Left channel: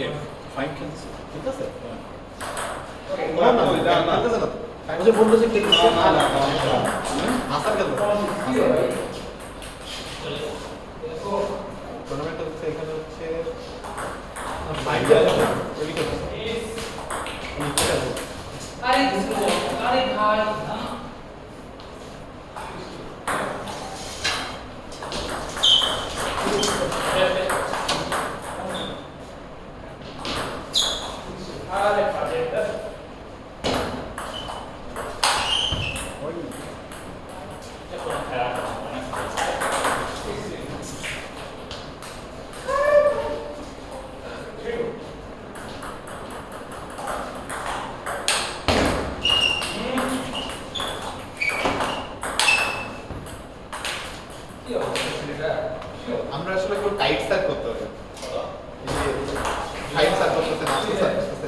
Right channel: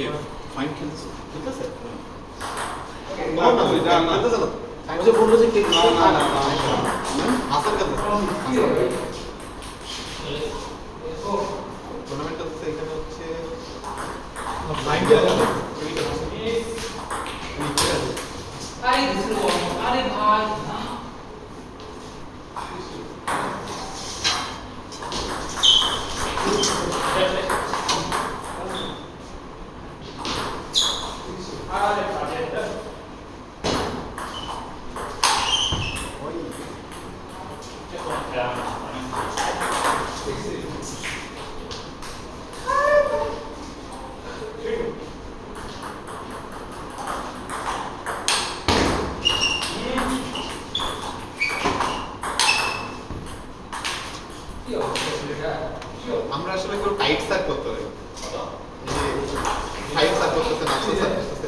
কে fine খেলছে ঠিক আছে না না খেলতেছে না ও যে বললো যে কে না না হাসান খেলতেছে টুর্নামেন্টটা হচ্ছে এখানে হচ্ছে আরে দিছো আরে ভাই আরে প্রজেক্টর আমরা আসলে একটু টাইট সার্ভ করতে হবে টাইট সার্ভ করতেছে না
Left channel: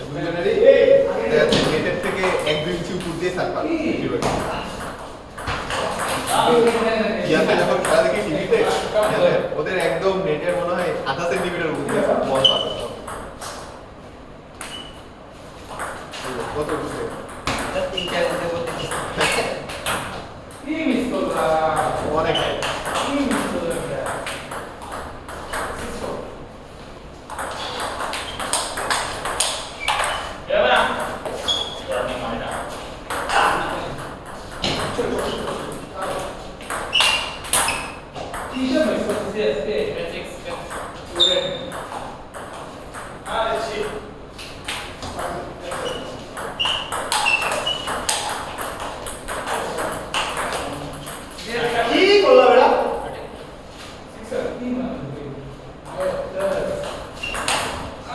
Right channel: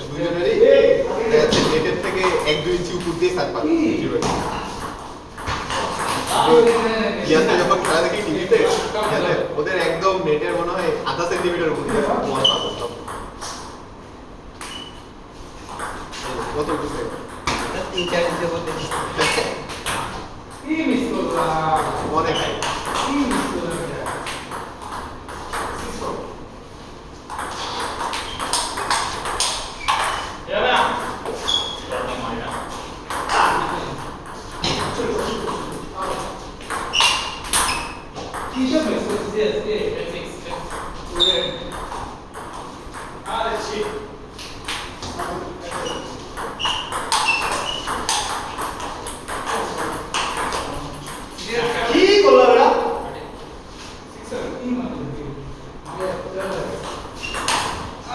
দুজনেরই দেখা যাচ্ছে নেটের থেকে 1-2 ইঞ্চি উপর দিয়ে সার্ভ পাচ্ছে ইয়াতে যখন খেলা দেখি টিভিতে ওদের একদম নেটের মনে হয় 0.5 সেন্টিমিটার উপর দিয়ে বল পাস সব কত বুঝতে কি মিস করলা অনেক হাই কি মিস করলা এরা স্টার্টিং হয় না কিসব মিস করছিস আজকে বেসিক্স আরে শিট কি করলা বেটা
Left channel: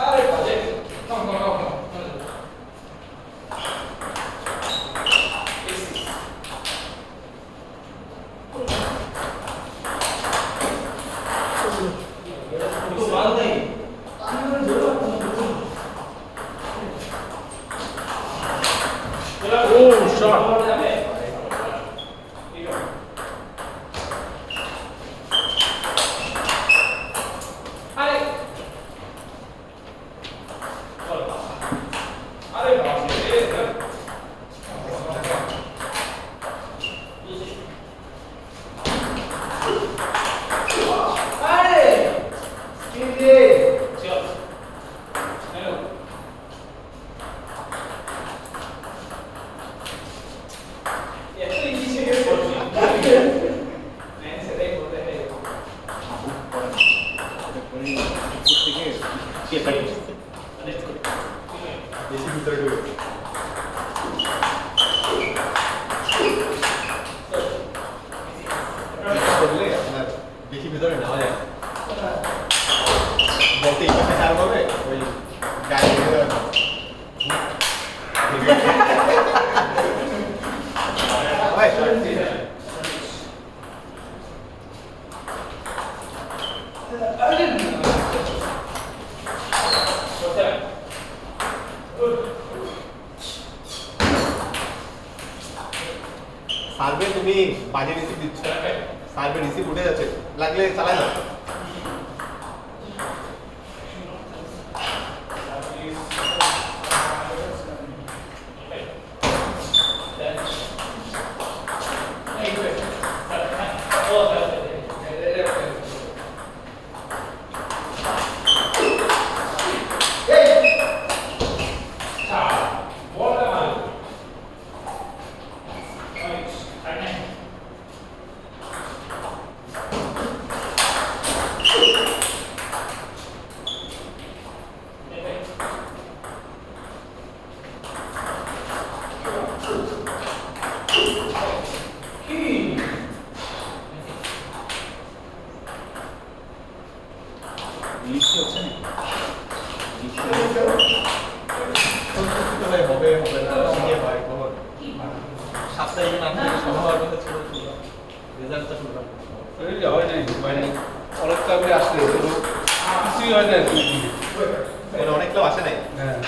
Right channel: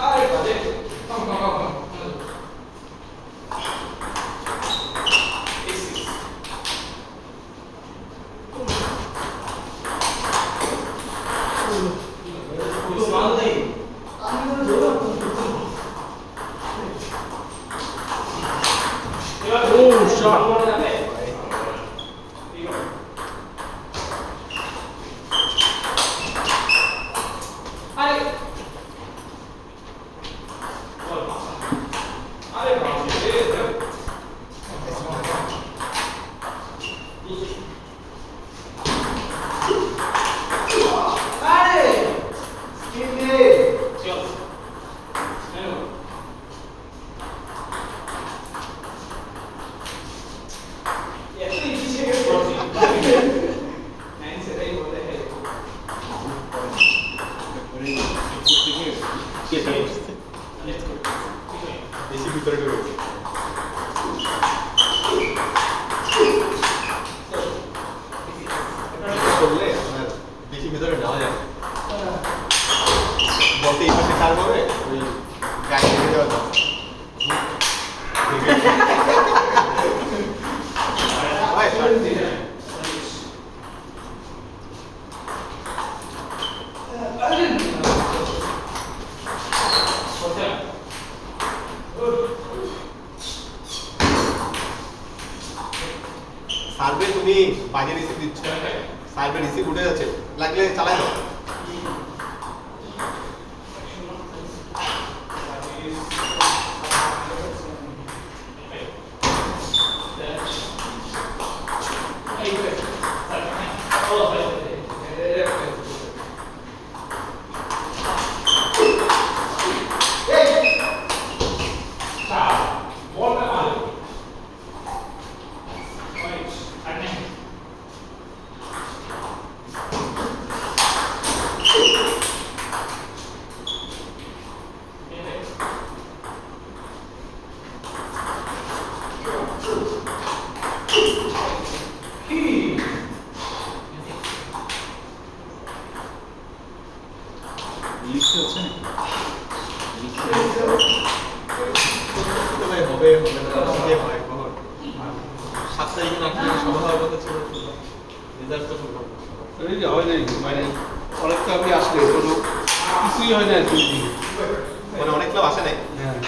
আরে প্রজেক্ট কম কম কম Oh, shot. বেশি ভিতরে ঢুকে করলে আপনার বেশি ভিতরে নেওয়া যায় বলতে এই পাশে কার হবে ওই গাড়ি দিয়ে দেওয়া যায় হয় শর্ট দিয়ে সার্ভে তুমি বাজে রিসিভ দিচ্ছ সার্ভে রিসিভ উঠে যাচ্ছে লাগলে চালাই দাও হবে হবে না শিখে হয় কখন 7 তারিখে না খেলে সভা হওয়ার কথা ছিল রেজাল্টটা শুনলাম এই যে হয় নাই মানে অনেক ক্লাবে আসলে কোনো কিছুই হয় না তুই মানে অনেক ক্লাব আসে নাই হ্যাঁ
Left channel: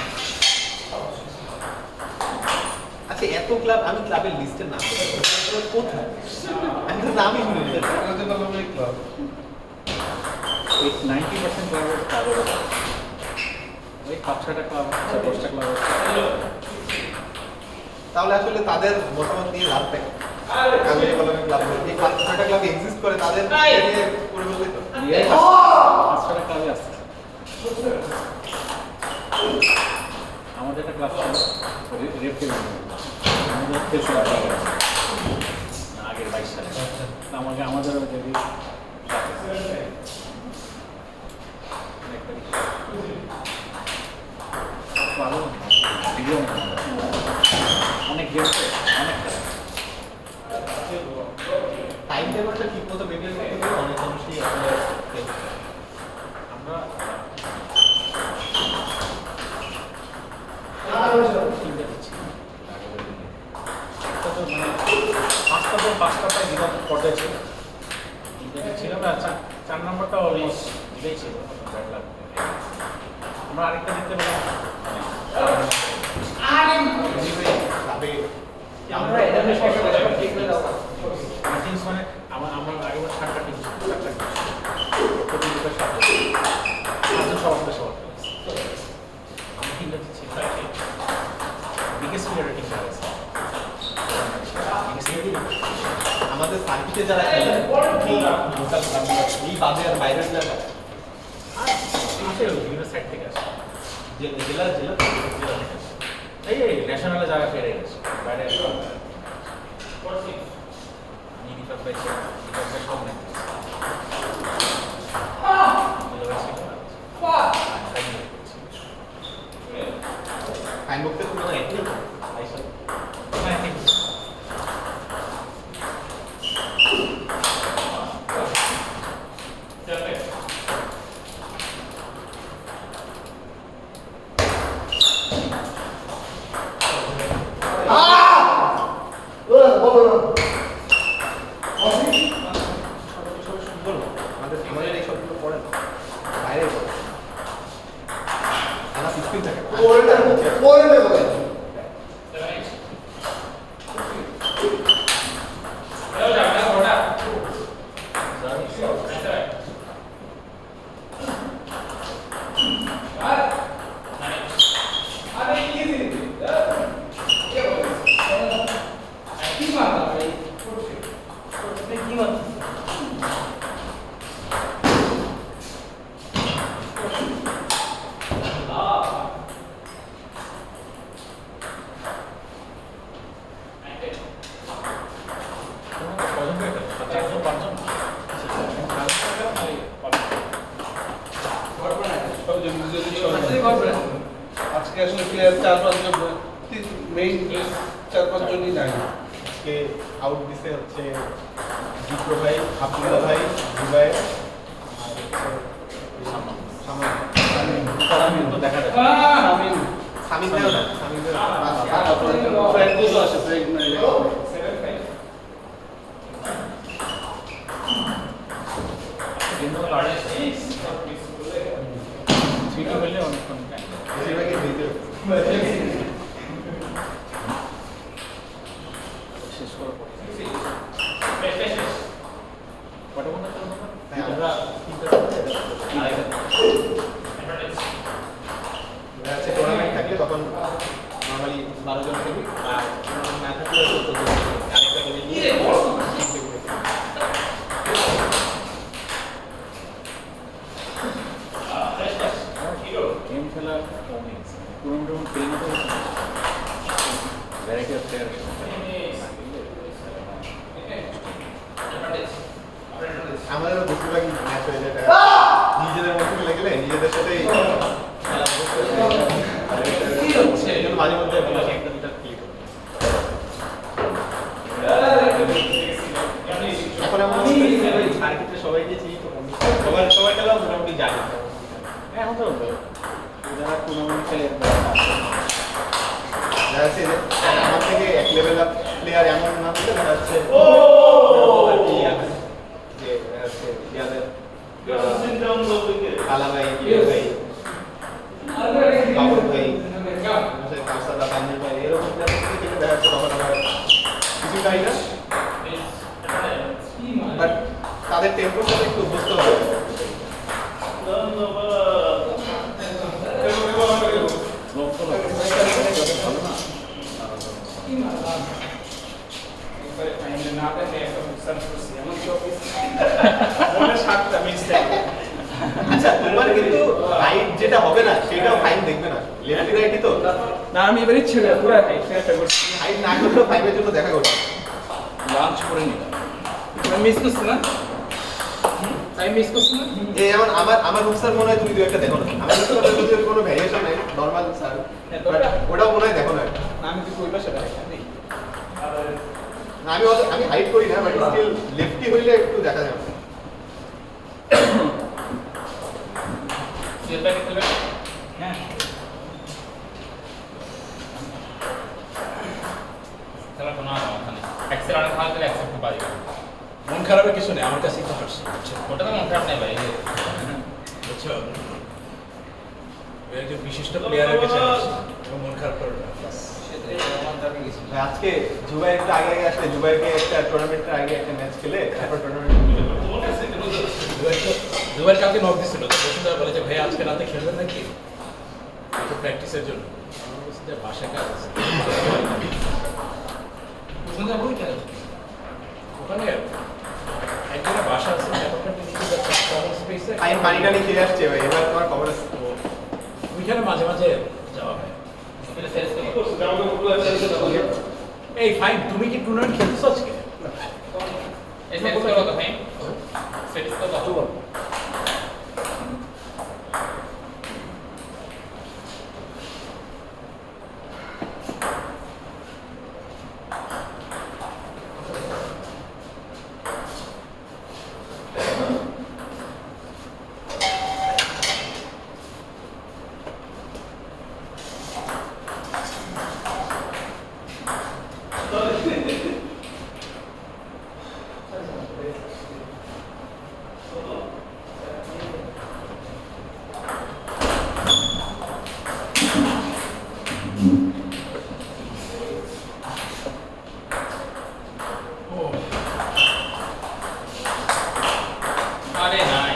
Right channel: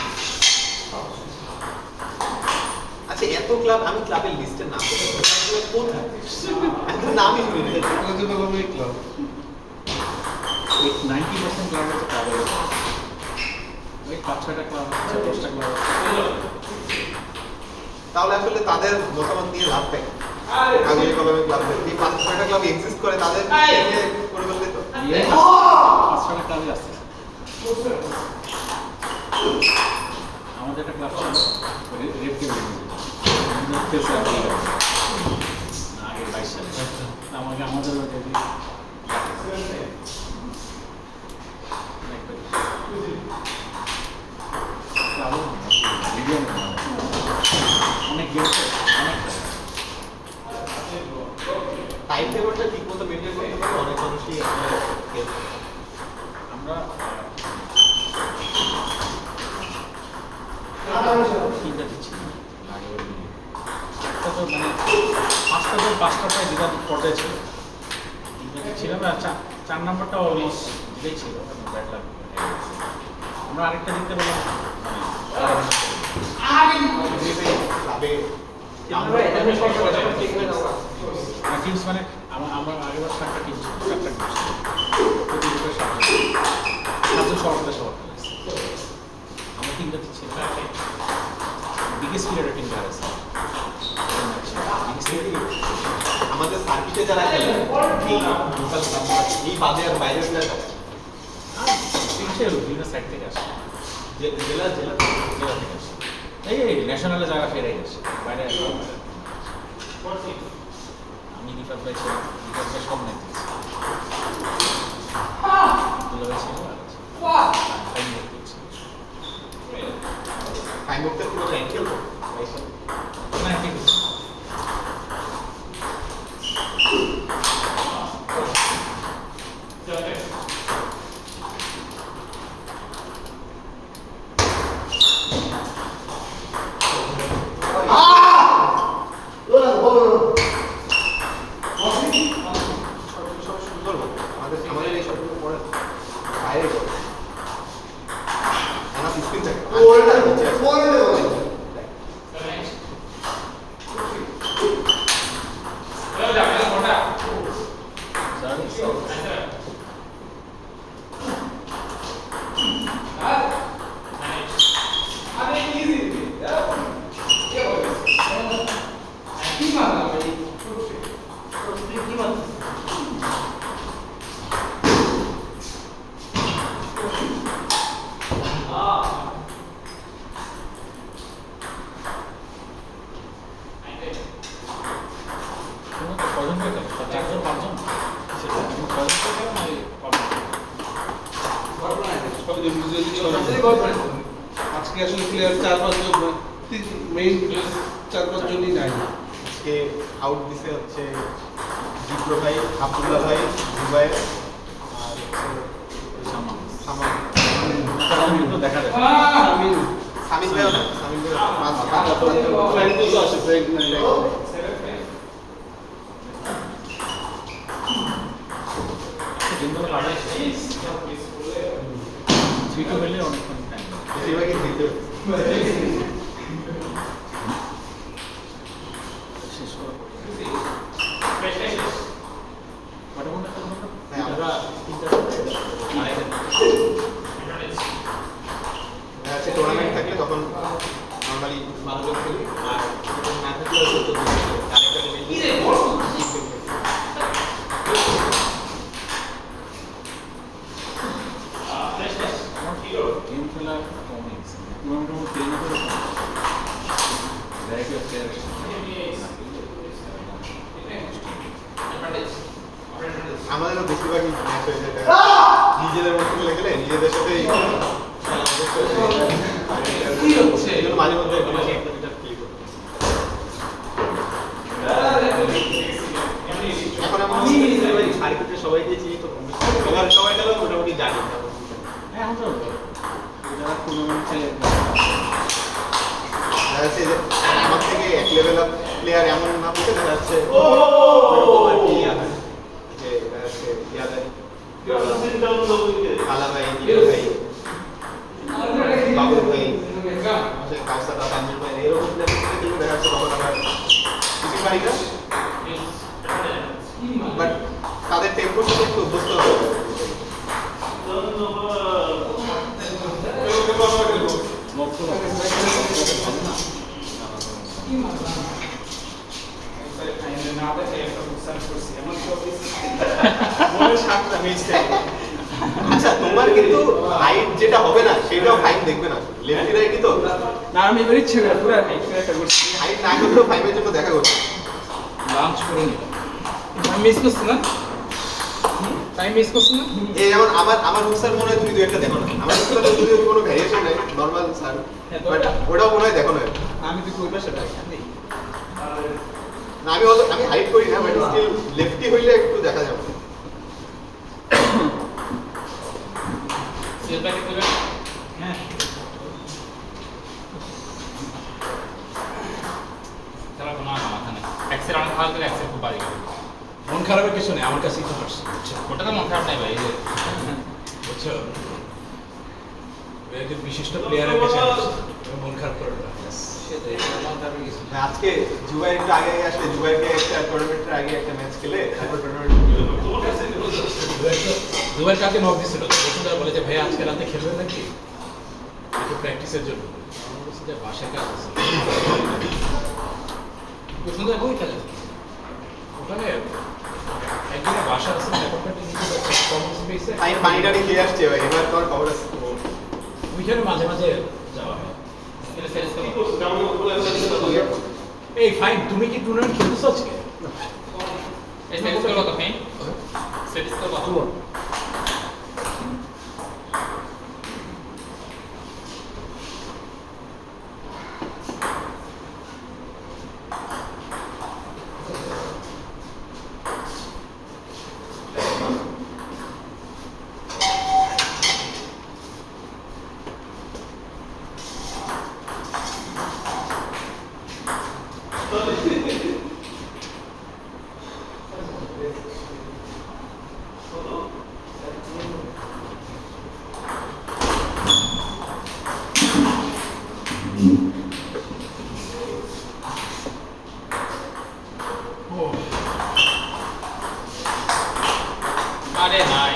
আচ্ছা এত ক্লাব আমি ক্লাবের লিস্টের নাম কোথায় আমি তো নামই শুনি না আমাদের কলমে ক্লাব 90% ক্লাব হচ্ছে কারো এই 5-6টা ক্লাব আছে, 10টা ক্লাব আছে। তাহলে আসলে তাদের মতামত নিয়ে লাভ নেই। কাগজে কলমে ক্লাব নেই। এই 5-6টা ক্লাব এক্সিস্ট করে তাদের নিয়ে পরিবর্তিত। 5-6টা ক্লাবে আছে। আমাদের একটা ক্লাব ছিল রেফটি আমাদের খেলছে আগের 22 সালে। আমাদের ওই যদি অনেক গেমছে অনেক টাইম টেবিলটা ঠিক মতো মেনটেন করতে পারলে অনেক মানুষই আসলে খেলছে। আমরা পাঁচটা বিভাগ পর্যায়ে ছিল ছিলাম আর 4 নম্বরটা অলমোস্ট দিতেই ছিল ব্যাড লাগ। আমরা আরেকটা দিতে পারলাম ক্লাবে টিমস মানে আমরা আগেবার 7টা টিম ছিল, 7টা টিম প্রতি গ্রুপে 7জন সভাপতি সভা আমার টিমটা ছিল বিগেস্ট লিডার টিম যারা আছে আমাদের সার্কিটে যারা খেলে এই লোকাল ক্লাবগুলো এই বাদে আর বাইরের যারা আসে বিভিন্ন সাইড থেকে আসে জেলা জেলা জেলা থেকে আসে এই ন্যাশনালে জায়গা ফেরে গেছে বাইরে আমি রিফার পাইছি কম নাই টাইম বক্সের কোনো অ্যাক্টিভ আমাদের এই সবগুলো পড়ে বাইরে পড়ে এনা স্পিন থাকে আজকে আসলে প্লেয়ার 4-5 জন মেইন 4-5 জনই নাই। আজকে আউট দিছে হচ্ছে জিপ্রো ভাই, আব্দুল্লাহ ভাই, দুবাই আর সামান আমি তো দেখা যায় সামিন ভাইও না সামিন ভাই ফ্র্যাঙ্কোস আছে ফ্র্যাঙ্ক নাই জিন্দাবাদ আড়াই ছিটো হলে অনেকক্ষণ টাইম বেশিরভাগই দিতে শেষ করে কত ঘন্টা আমরা হচ্ছে টুর্নামেন্ট থাকলে তখন নর্মালি 12 জন খেলি আর টুর্নামেন্ট না থাকলে হয়তো 14 জন আরেকটা গেম খেলা কমই পুরোনো ট্রেন করে ভ্যারাইটি অফ প্লেয়ার আমাদেরও বেশিরভাগই ম্যাচ হয়ে যায় নিজেদের মধ্যে খেলে গেলে নিজেদের সাথেই এই জন্য মাঝে মধ্যে একটা দুটা ক্লিক করি এখন এমন সার্কিটে সবাইকে চিনি তো সবাই খেলা মোটামুটি জানি এখন তো যারা টুর্নামেন্টে দেখা যাচ্ছে যে আমার থেকে এক লেভেল আপ প্লেয়ার এমন না হতে দেখা যাচ্ছে যে দেখা যাচ্ছে ইয়াদের কালা ভাই দিয়া ভাই বাবুল ভাই কাউসাদা তানজির ভাই এরকম প্লেয়ার থেকে দেখা যাচ্ছে তখন আবার কিছু ভাইরা বাট তাদের টেম্পোর সাথে একটু অভ্যস্ত হবে একবারে ফাইনালে না দেখে একটা বুকসার করছি এমন তো মনে সাতটা মিস থাকে আচ্ছা তোমার কিন্তু হাইট যেটা হবে না সেটাও ফাইন দেখবে না লেফটি রাইটই তো না আমি এবারে ছিল পুরো হাইটটা করছি হাইট না করলেও ফাইভের জন্য দেখা করবে লাঞ্চ করে নিলাম আমি মিস করছি না টাইম মিস করছি না এই যেমন আমার বুকসার মনে হয় তুমি দু একটা দেখো না আমার বুকসার যদি কোনো ভ্যারিয়েশন নাই নরমাল স্যার বাট ওটাও মনে হয় দেখো না আমি তো কইবা সেটা নেই না আমি হাইট করি না বাট স্টিল লেফটি হইলে একটু দেখা যাবে হ্যাঁ মন খারাপের কিছু নেই আমার কাছেই তো হাসছে বুঝছো একজন বিশিষ্ট প্লেয়ারের কাছে হাসছে মন খারাপ করে না আজকে জুবাই একটু আগে আসলে জুবাইকে একটা টুর্নামেন্টের আগে একটা ম্যাচ খেলে তারপর টুর্নামেন্ট দুবার কালকে নক দিছিল তো বসুন্ধরা বলে যে ভাই আজকে রাতে খেলবেন নাকি একটু প্র্যাকটিসের জন্য আমি বলছি যে বাসায় কাজ আছে ওখানে একজনের বাসা আছে অ্যাপার্টমেন্টে নিচে যাচ্ছে কমন স্পেসে আমি পানি টানি খেয়ে আসছে ভাই এবার তোমার খবর আছে ওইখানে মাঝে মাঝে যাওয়া হয় এই ফাইন তুমি কি টুর্নামেন্ট খেলতেছো আজকে আরে নাই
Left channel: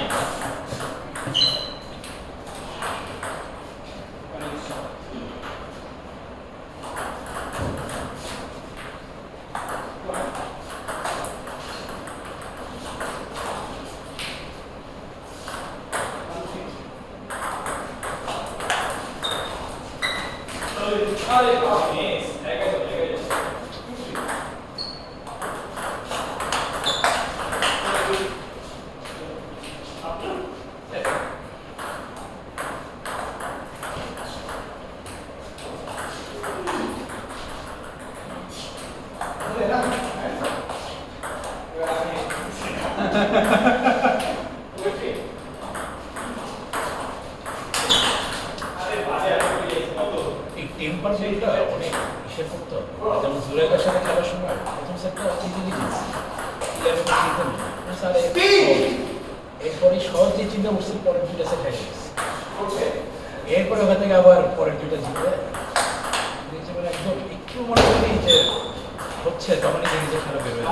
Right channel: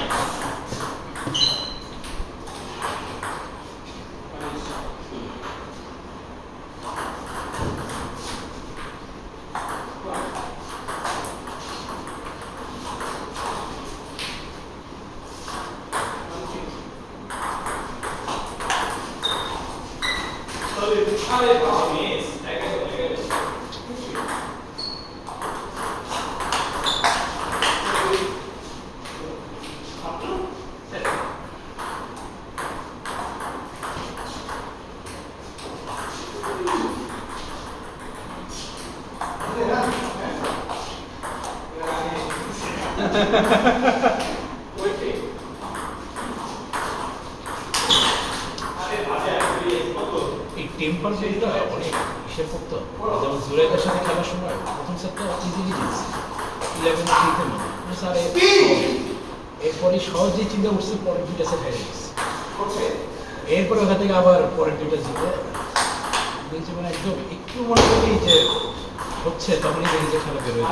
এই টেম্পারমেন্টটা অনেক হিসেব করতে হবে যেমন জুরাইকার সাথে খেলার সময় প্রথম সেটটা ইন্টেলিজেন্স 11 খেলতে না স্যার এরপরে সহজেই চিন্তা করছি পরের দুইটা সেট হয়ে গেছে এরপরে ওখান থেকে আবার পরের দুইটা জিতে মানে একদম একটু মনে করি যে হচ্ছে তখনই দেখি যে খেলা বেরোয়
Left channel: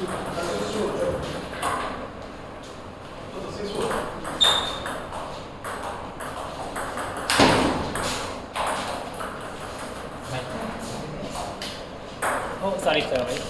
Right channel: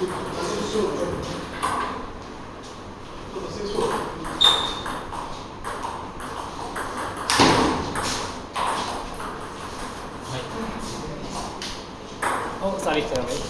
ও সরি স্যার ভাই